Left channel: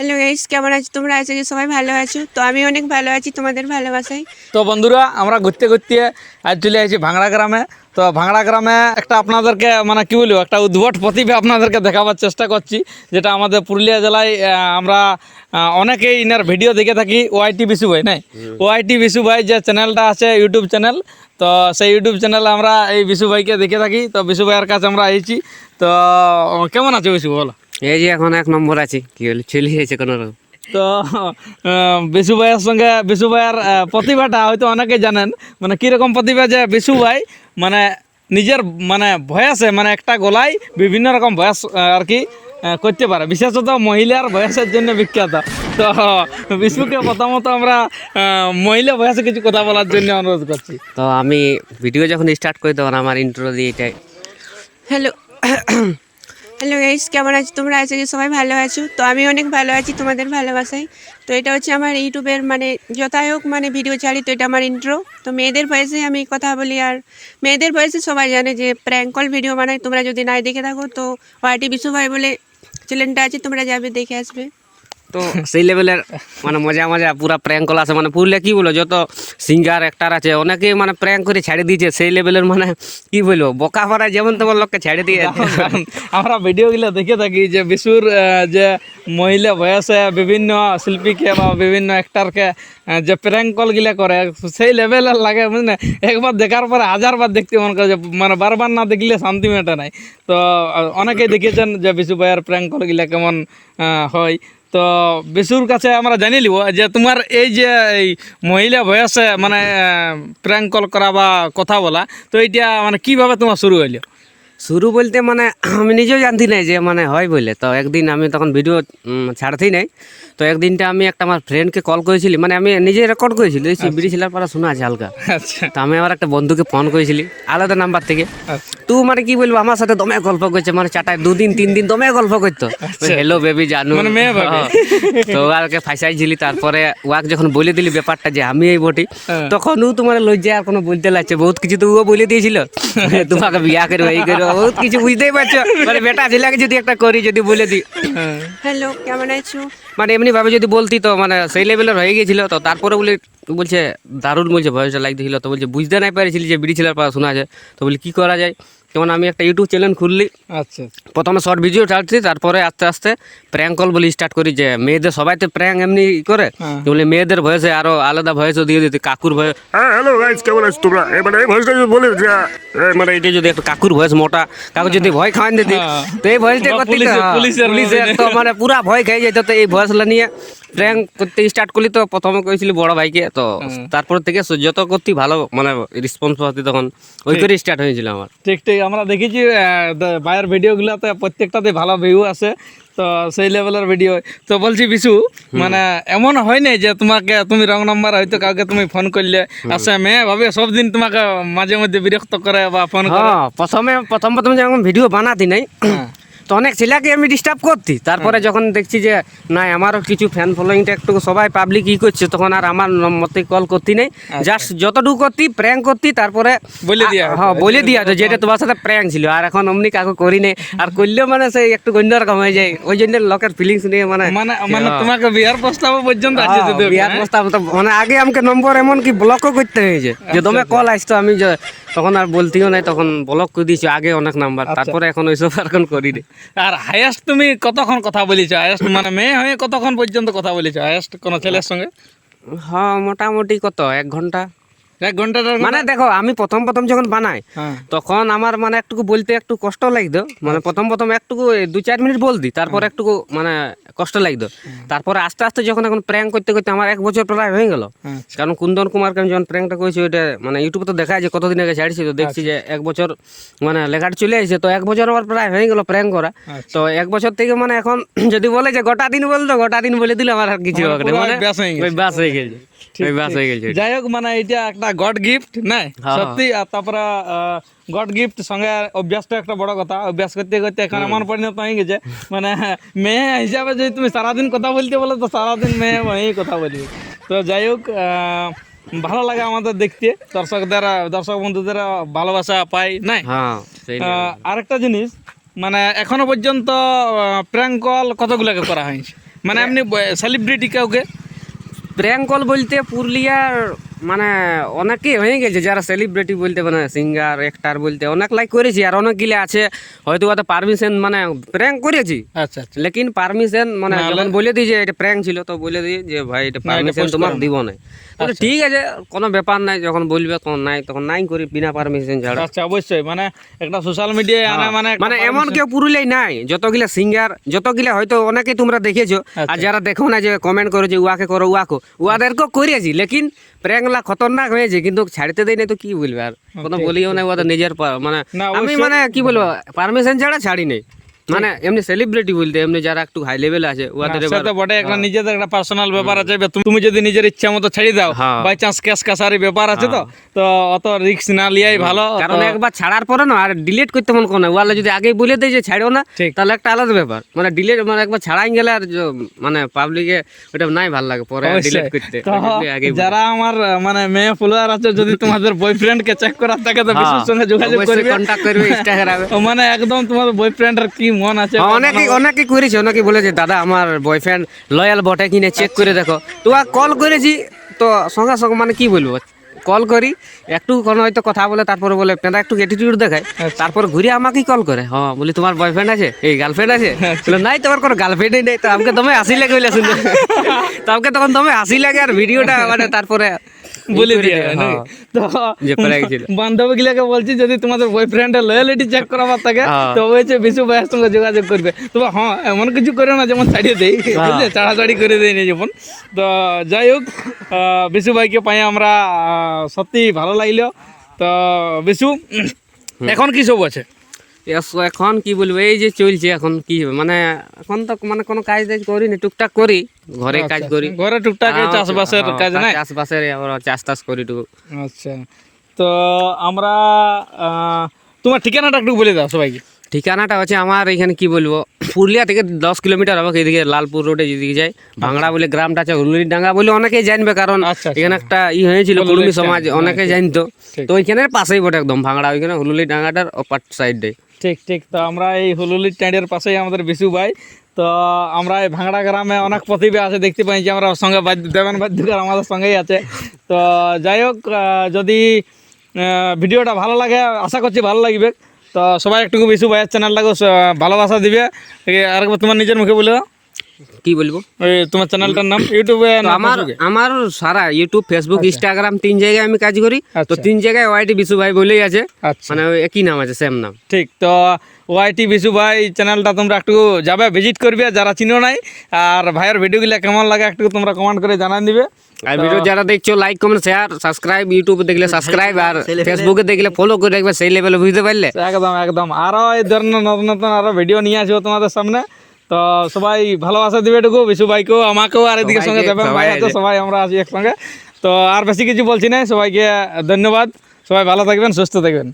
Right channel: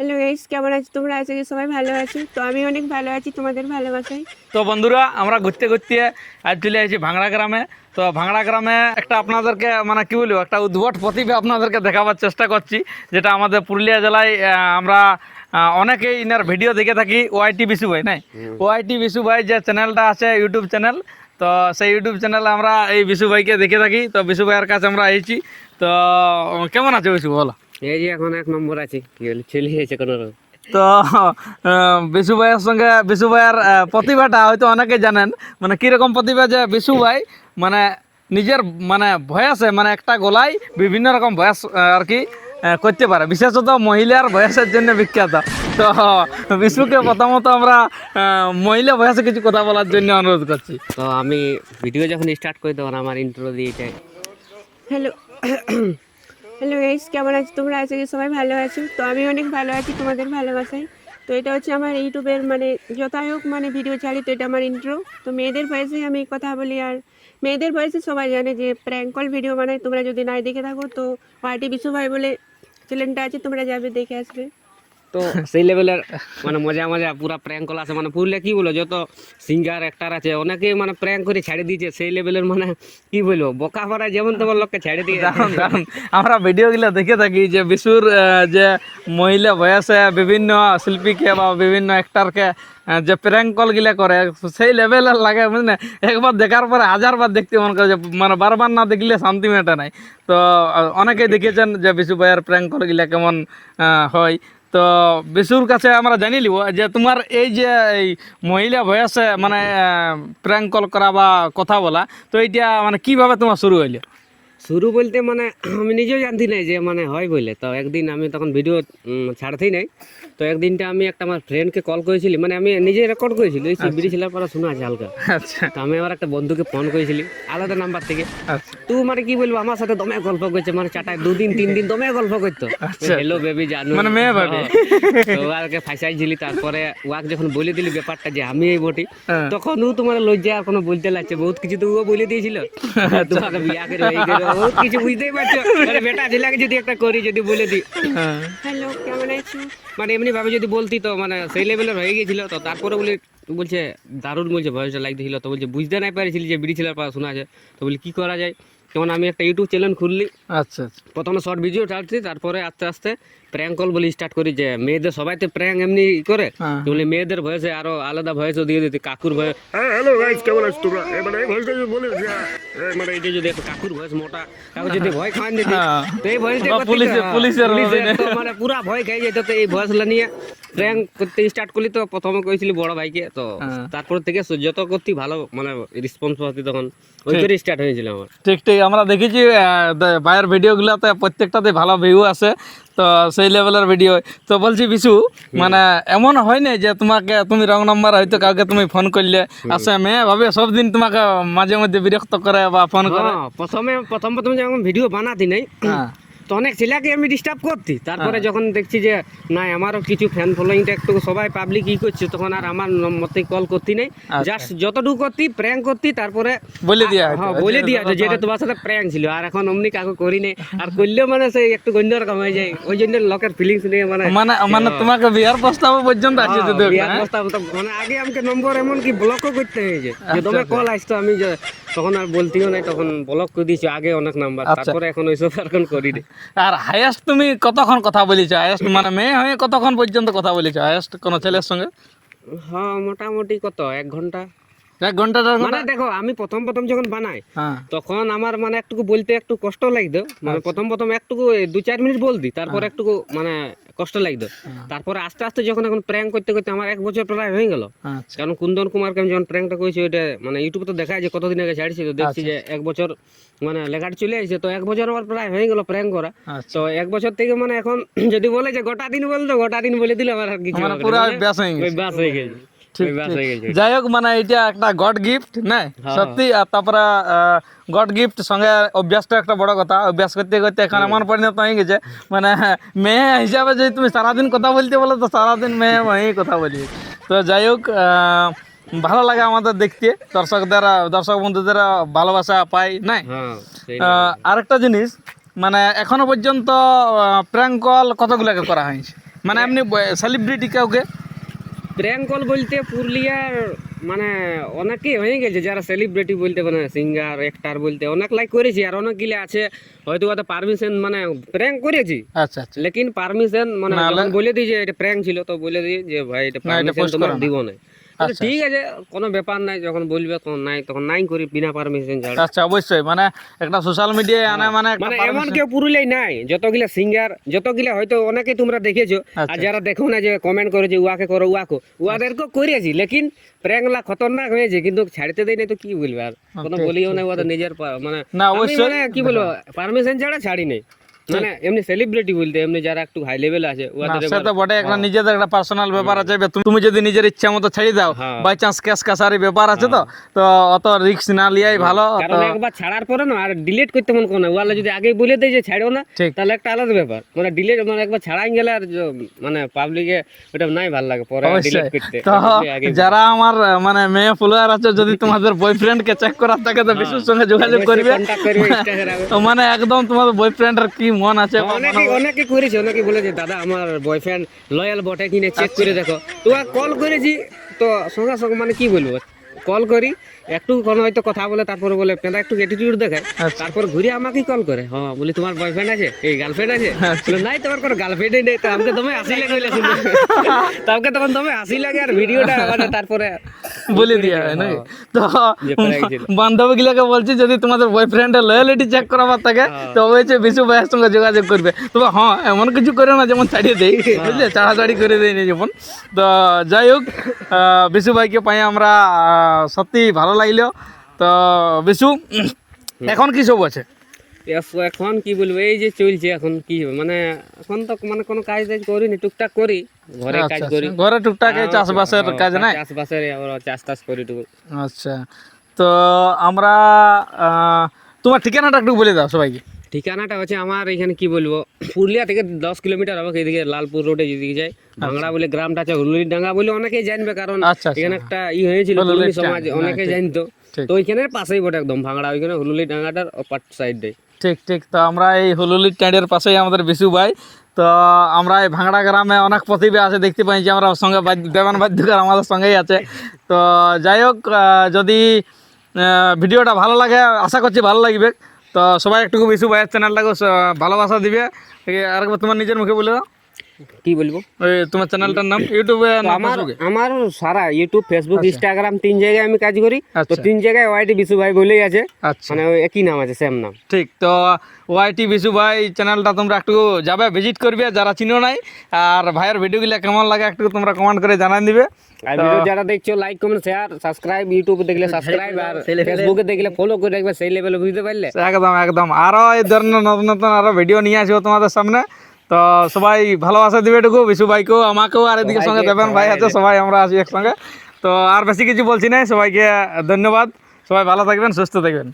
Hello guys, কেমন আছো তোমরা? আশা করি সবাই ভালো আছো। তো আমি অনেক ভালো আছি তোমাদের ভালোবাসায়। তো বন্ধুরা, আমরা ঘুরতে ঘুরতে আজ চলে আসছি ভাঙড়া গ্রামে। তো ভাঙড়া গ্রামে একটা আপনাদেরকে মানে কি বলবো, একটা উদ্ভট প্রতিভা আপনাদেরকে দেখাবার চেষ্টা করছি, যেটা আমাদের পুরুলিয়া জেলায় আমরা অনেকেই ইনার ভিডিও দেখে থাকি। ওআইটি বিশু ভাই নাই, ওআইটি বিশু ভাই যে চ্যানেলটা আছে ইউটিউব চ্যানেল, তো সেই ইউটিউব চ্যানেলে আমরা এই বিশু ভাইকে দেখে থাকি। তো বিশু ভাইয়ের কাছে আমরা এসেছি। তো কেমন আছে বিশু, বলো? এই যে এখন 1 নম্বর আছি, কি হলো চলে গেছে কোনো রকম। তো বিশু ভাইয়ের সঙ্গে বিশু ভাইয়ের প্রতিভাটা হয়তো অনেকে জানেন, মানে কীরকম প্রতিভা, যে বিশু ভাই মানে নিজের মানে ভয়েসে মানে একটা গলায় বিভিন্ন রকম ভয়েস আর কি করতে পারে, বিশেষত মহিলার ভয়েসের জন্য বিখ্যাত। তো বিশুকে প্রথমত আমরা মহিলা ভয়েসে কিছু কথা বলার জন্য অনুরোধ করছি। তো আমি ভিডিও যখন স্টার্ট করি তখন আমার ইন্ট্রো দিয়ে এটাই। হ্যালো হ্যালো গাইস, কেমন আছো তোমরা? আশা করি সবাই ভালো আছো। তো আমি অনেক ভালো আছি তোমাদের ভালোবাসায়। তো এটা হচ্ছে আমার ইউটিউবের মানে যথাই হোক মানে ভিডিও ছাড়ি, তো এটা আমার ইন্ট্রো। তো মেয়েদের ভয়েসে আমি কথা বলি, আর মেয়েদের ভয়েসে সবাই জানে যে প্র্যাঙ্ক কল ভিডিও বানাই। তোমরা যদি নাই দেখে থাকো তো ওআইটি বিশু ভাই বলে চ্যানেলটা আছে, তোমরা যাবে দেখে আসবে। তো সেই লেভেলের মানে মজা মজা পুরা প্র্যাঙ্ক কল আছে, মানে পুরুলিয়া কি বলো, যত সিঙ্গার অ্যাক্টার আছে অনেকে মানে প্র্যাঙ্ক করে ছেড়ে দিয়েছে। সেই লেভেলের মানে কি বলবো, বোকা পাড়ায় যেমন তেমন লোককে ছেড়ে দিয়ে। কারণ আমরা ভিডিওগুলো দেখে থাকি যে বিশুর যে মহিলা বয়সে বিভিন্ন শিল্পীকে বা বিভিন্ন অ্যাক্টারকে যে প্র্যাঙ্ক কলগুলা করে, সেই লেভেলের লাগে, বুঝলেন? একবার দেখার পরে হাজারবার দেখতে মন করে, যে মানে বারবার না দেখলে শান্তি মেটে নাই। তো অনেকেই দেখেছেন যে বিশু ভাইয়ের প্র্যাঙ্ক কলগুলা কেমন হয়। তো বিশুর কাছে আমরা জানি লিব যে তোমার এই যে এই মহিলা বয়সে মানে প্র্যাঙ্ক কল করা বা কথা বলা, তো এইটা মানে কিভাবে তোমার শুরু হইলো? শুরু বলতে মানে আমি নিজেও জানতি নাই যে মানে হয় বলে। তো একদিন আমি তখন ভিডিও ছাড়তেই নাই। তো একদিনটা আমি একটা আমার ফ্রেন্ডকে কল করেছিলি, মানে আমি নিজে রেকর্ড করেছিলি, এই বিড়ি ছিলার পরে শোনা আছে হালকা। আচ্ছা তো আমি আমার একটা বন্ধুকে ফোন করেছিলি আলাদা নাম্বার থেকে। আচ্ছা তুই মানে কি বলবো, আমার সাথে দমে গল্প করছে, মানে চাটায় 2 দিন 3 দিন দমে গল্প করতো। হ্যালো বেবি জানু, মানে মেয়ে ভাবে। তো ওকে ফাঁসাইছিলি। তারপরে ওয়াক যখন বলে দিলি ব্যাপারটা যে আমি এই বটি, তখন ও তোমার লজ্জা আর কোনো বলতে লাগছে, বহুত কিছু তো ও বলে দিয়েছিল, তোমাকে বিয়া করবো এই করবো, বহুত কিছু বুঝতেই পারছো। মানে বেটা ছেলেকে যদি একটা করি যদি বলে দিই, হ্যালো, কেমন আছো? মানে এমনি ভাবে যদি বলতি তো মানে সেই লেভেলের হয়ে গেছিল। তো তারপরে বলছে দারুণ বলছে, ভয়েসটা লাগতেছিল। তো বলছে বুঝতে নাই পারিছিলি যে বিড়ি ছেলের পড়া শোনা আছে। তো বলি কী করা যায়, যেমন আমি একটা ইউটিউব চ্যানেল খুললি। আচ্ছা প্রথমে শর্ট ভিডিও ছাড়ছি, তারপরে আস্তে আস্তে প্র্যাঙ্ক কল বলে স্টার্ট করি, যে মেয়েদের সবাই তো প্র্যাঙ্ক এমনি করে, তো বলে মেয়েদের ভয়েসে আরো আলাদা ভয়েসও দিয়ে দিতে, কাকুর ভয়েস। হ্যাঁ হ্যালো গাইস, কেমন আছো তোমরা? মানে এই ভয়েসটা যদি বলে যে মানে এটা যদি একটা কাকুর ভয়েস মোটা কাকু যদি ভয় খাওয়ান দিতি, তো এই ভয়েসটা বা করতে পুলিশের তো মানে পুরা ভয় খেয়ে যেত। তো এই ভয়েসগুলো নিয়ে প্র্যাঙ্ক করতে স্টার্ট করলি। তো প্রথমে করেছিলি বড় ভাইকে, তো তারপর থেকে যত করতে ভালো মানে রেসপন্স পাচ্ছি, তখন ওই করে স্টার্ট হয়েছিল আমার। ঠিক ঠিক, আমরা দেখেছি ভাইয়ের ভিডিওগুলোতে প্রত্যেকটাতে ভালো ভিউ আছে, তো সেই লেভেলের ভিডিও। তো বলছি বিশু, মানে এমন হয় নাই যে তুমি রং নাম্বার হয়তো কাউকে তুমি ফোন করলে আসে মেয়ে ভাবে সব দিন তোমাকে মাঝে মধ্যে বিরক্ত করে বা ফোন করে? হ্যাঁ, প্রথম যখন ভিডিও বানাতি নাই, তো অনেক ছেলেকে আমি ডিস্টার্ব করতি। তারপরে যখন দেখছি যে না আমারও কিছু ফ্যান ফলোয়িংটা একটু সবাই পাবলিক ই করছে, তখন আর আমার মতে কল করতি নাই, জাস্ট যতটুকু করতি প্র্যাঙ্ক করতি। তারপরে বলে দিয়া হ্যাঁ বলে দিয়া তো যেটা তোমার সাথে প্র্যাঙ্ক ছিল। আর এখন অমনি কাকু করি নাই, আর করলেও মানে সেই একটু অন্যরকম হয়ে যায়। ওই জন্য লোকের ফিলিংস নিয়ে মানে মানে তোমাকে বিয়ার প্রস্তাব পর্যন্ত আসছে শুধু? বিয়ার প্রস্তাব তো মানে আগে আমাকে নম্বর এমন কি ব্লকও করতে হয়েছে, যে তোমার কল আসতো আমি তখন আর বলতিও নাই, তখন ব্লক করে দিয়েছি আগে অনেক নাম্বার। তারপরে এখন ওইসব আর এখন করি নি। আর হাইয়েস্ট তুমি কতক্ষণ কথা বলেছো? হাইয়েস্ট মানে মেয়ে হয়ে কতক্ষণ পর্যন্ত কথা বলেছো হাইয়েস্ট কোনো ছেলের সঙ্গে? হ্যাঁ মোটামুটি কত 1 ঘন্টা। 1 ঘন্টা? মানে দেখো আমি প্রথম যখন বানাই, তখন আমার মানে একটু বলতে একটু কষ্ট লাগতো। মানে প্রথম একটু 2-4 মিনিট বলতি, তারপর একটু মানে কষ্ট লাগতো। তারপরে আস্তে আস্তে যখন এখন প্র্যাঙ্ক করতে করতে আমার 1 বছর প্রায় হয়ে গেল। কারণ কুন্দন কুমারকে আমি যখন প্র্যাঙ্কটা করেছি, ওইটা মানে ইউটিউবে তো দেখায় যে কতদিন আগে ছাড়ছি, তো দেখছি যে 1 বছর মানে লেখাটা চলে আসছে। তো 1 বছর আমার প্রায় হয়ে গেল প্র্যাঙ্ক করা। তো 1 বছর থেকে মানে এখন যদি বলে যে গোটা দিন বলতো, গোটা দিন বলে দিলে আমার আর কিছু হবে না, ব্যাস হয়ে গেছে। ব্যাস হয়ে গেছে। যাই হোক, মানে এটা একটা গড গিফট না সত্যি। আর তারপরে গড গিফট সঙ্গে অভ্যাসটা একটা বড় কথা। অভ্যাস করতে করতে এখন এমন পরিণত হয়ে গেছে, মানে মেয়ে হিসাবে যদি তুমি সারাদিন কথা বলতে বলো, তো সারাদিন মেয়ে মেয়েই কথা বলবে। তো যাই হোক, ভালো লাগে আমাদের দেখতে, দর্শক বন্ধুদের ভালোবাসা পাই নাই। আরেকটা জিনিস, মানে এখনো পর্যন্ত প্র্যাঙ্ক কল কতগুলোকে করা হয়েছে? মানে আপনি সেলিব্রিটি কাউকে প্র্যাঙ্ক কল বলতে পুরুলিয়ার মানে অনেকেই হয়ে গেছে যারা সেলিব্রিটি বলতে মানে সিঙ্গার অ্যাক্টার বলতে অনেক লাইক করেছি আর অনেকগুলো আছে হয়তো ওটা পারমিশন মানে প্র্যাঙ্ক করেছি আচ্ছা আচ্ছা লেকিন পারমিশন মানে যখন বলে দিই যে এটা প্র্যাঙ্ক ছিল তো বলে দিই যে ভাই এটা পারমিশন তোমাকে দিব না ঠিক আছে কোনো ব্যাপার নাই যখন বলবে তখন নাই করি বিনা পারমিশন ছাড়া আচ্ছা অবশ্যই মানে একটা সোশ্যাল মিডিয়ায় আনা মানে মানে এমন কেউ পুরুলিয়ায় নাই যতগুলা সিঙ্গার যতগুলা হয়তো অনেকে তোমরা দেখেছো আর যারা দেখো না যে কমেন্ট করো যে উয়াকে করো উয়াদেরকেও করেছি লেকিন প্র্যাঙ্কলা খতরনাক হয়েছে কিন্তু ছাড়তে দেয় না তো কি বলবে আর কোনো বলিও না ওদের নিজের মানে না, আমি মানে কি বলবো পারমিশন ছাড়া ছাড়ি নেই মানে এমনি সেলিব্রিটি বলতে এমনি যারা একটু হাই লেভেল আছে ওদের সে তো বটে একটা নিজেদের একটা পার্সোনাল ব্যাপার আছে এবার তুমি যদি নিজের ইচ্ছা মতো ছেড়ে দাও বাই চান্স ক্যাশ কাসারি ব্যাপার আছে তো তো অত রিস্ক না লিয়াই ভালো কারণ একবার ছাড়ার পরে না আর ডিলিট করতে মন করে না ওয়ালে যদি আগেই বলে দেয় যে ছাড়ো না তাহলে একটা আলাদা ব্যাপার মানে ডিলিট মানে একবার ছাড়াই গেলে আর মানে পাবলিকে ওটা নাই ভালো লাগে পরে ডিলিট করতে তো যারা আমার মানে মেয়ে ফলোয়ার আছে যদি তোমাদের বয়ফ্রেন্ড কে চেক করার থাকে তো বিশুর সঙ্গে যোগাযোগ করবে কন্টাক্ট করবে ইনস্টাগ্রামে মানে একদম তোমাদের বয়ফ্রেন্ডের কি মন আছে অনেকে করেছে অনেকে বলেছে দাদা আমার বয়ফ্রেন্ড লয়াল বটে কিনে চেক করে দেখো তো কল করেছি তো সঙ্গে সঙ্গে মানে কি বলবো কল করি একটু কোনো হয়তো কথা বলে তারপরে বলে পেঁদা একটু অ্যাটিটিউড দেখায় তারপর ঘুরে আমাকেই কল করে হ্যাঁ বলি তোমার বয়ফ্রেন্ড আছে এই গার্লফ্রেন্ড আছে বলে, নাই তোমার কোনো গার্লফ্রেন্ডই নেই তো আমাকে তুমি হাসি লাগে বলে শুনতে তোমাকে তখন তুমি হাসি লাগে আর ভিডিওটা মানে তারপরে বলে দিয়ে নাকি তো বান্ধবী গুলাকে বলছি যদি তোমাদের বয়ফ্রেন্ডের লয়ালিটি চেক করাবার থাকে তো অবশ্যই বিশু ভাইয়ের সঙ্গে যোগাযোগ করবে তবে হ্যাঁ এমন কিছু করে না যেমন ছাড়িয়ে দেই বুঝলে ছাড়াছাড়ি করে দেয় না যেমন তো যাই হোক বিশু ভাইকে পাই আমরা সত্যি ভালো লাগলো তো বিশু এখন কি সব আছে এখন কি বলবো এই যে চলছে এখন কি হবে মানে এখন তো মানে কোনো কাজ টাজ করি না টুকটাক করি ঘরে কাজ করি ঘরে টুকটাক চাষবাসের কাজ না চাষবাসের আমরা চাষ টাস করি টুকু আচ্ছা তো আমরা তোমার ঠিকানাটা একটু বলে দাও সবাইকে ঠিকানাটা হচ্ছে আমার এখানে কি বলবো পুরুলিয়া থেকে 10 কিলোমিটার হবে এদিকে লালপুর রোডে যেদিকে যায় ভাঙড়া বলে গ্রামটা আছে হুলুলি ডাঙ্গা বলে অনেকেই জানবে কারণ এখানে একটা হয়েছিল কুর্মী সমাজ অনেকে জানতো তো ওইখানের পাশেই বটে একদম ভাঙড়া ওইখানে হুলুলি ডাঙ্গাটার অপার সাইডে ঠিক ঠিক তো আমরা এই হুলুলি ট্যাঁড়ের পাশেই আমাদের বিশু ভাই তো আমরা এই ভাঙড়া গ্রামে অনেক প্রতিভা আছে দেখতে পাই যে আমরা সঙ্গে দেবান বাদ্যকার আমাদের সঙ্গেই আছে তো যাই হোক যদি ভিডিওটা ভালো লাগে আশা করছি ভালো লাগবে তো সবাই একটু বিশু ভাইয়ের চ্যানেলটাকে ভালোবাসা দিবে আরেকবার তোমার নিজের মুখে বলে দাও কি বলবো ওই তোমার চ্যানেলটার নাম ইউটিউবে আমার সারা ইউটিউব ফেসবুক ইনস্টাগ্রাম 3 জায়গায় আমি কাজ করি তো 3 জায়গায় ওয়াইটি বিশু ভাই বলেই আছে মানে একই নাম আছে সেম নাম ঠিক তো ওয়াইটি বিশু ভাই চ্যানেলটা তোমরা একটু যাবে ভিজিট করবে যারা চিনো নাই আর ভাইয়ের ভিডিওগুলো কেমন লাগে একটু তোমরা কমেন্ট করে জানান দিবে আর ভিডিও যারা দেখছো লাইক কমেন্ট শেয়ার সাবস্ক্রাইব ইউটিউবে দেখলে সাবস্ক্রাইব আর ফেসবুকে দেখলে ফলো করে রাখবে সেই লেভেলে বুঝতে পারলে একদম একদম আরো এই ধরনের নতুন নতুন আরো ভিডিও নিয়ে আসবো তোমাদের সামনে তো সবাই ভালোবাসা দিবে এটুকু বিশু ভাইকেও আমাকেও আর এদিকে সঙ্গে দেবেন ভাই আছে সবাই আমরা আছি একসঙ্গে তো আর বেশি কিছু বলছি না সবাইকে ধন্যবাদ সবাই ভালো থাকবেন সুস্থ থাকবেন